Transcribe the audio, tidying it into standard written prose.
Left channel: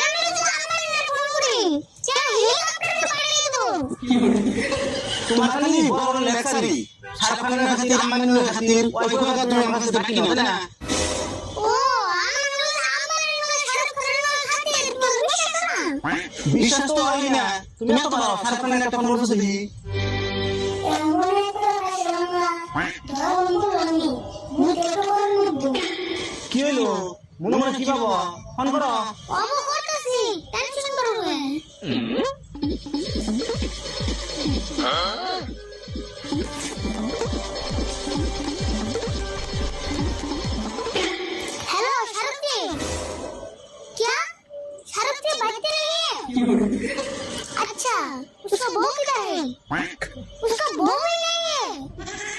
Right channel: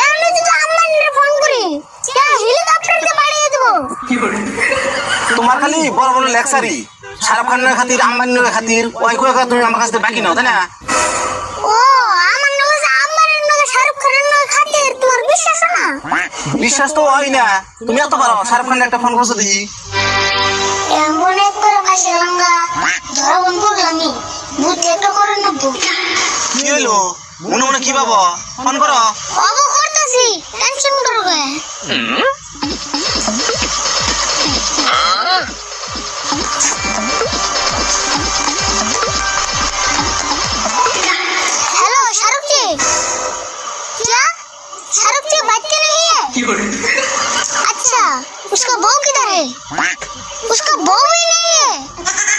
এমনি যদি আম্বানির ফোন করি क्या হেলিকপ্টার দিয়ে পাঠিয়ে দেব তোমার খালি বড় বড় লেকচারি শাহরুখ খানের খাতির আম্বানির খাতির ওই কই তুমি আমার কাছে বাকি নাও তাই না ও আমার নাকি আম্বানির নাকি শাহরুখ খানের নাকি খাতির তোর বিশ্বাস না বিশ্বাস তো হয় না তুমি এত পারো শাহরুখ খানের একটা ফোন করছো দেখি এমন একবার ফাঁসে লাঙ্গা ধরা বন্ধ করলামি বুদ্ধি একটা করে নেব কি হলো মনে মনে কি বাবা ফোন করো বাবা করতেছি টেনশন করবে हेलो शाहरुख जी क्या शाहरुख जी बात कर रही है अच्छा उसका बहू किधर है उसका बहू ही नहीं है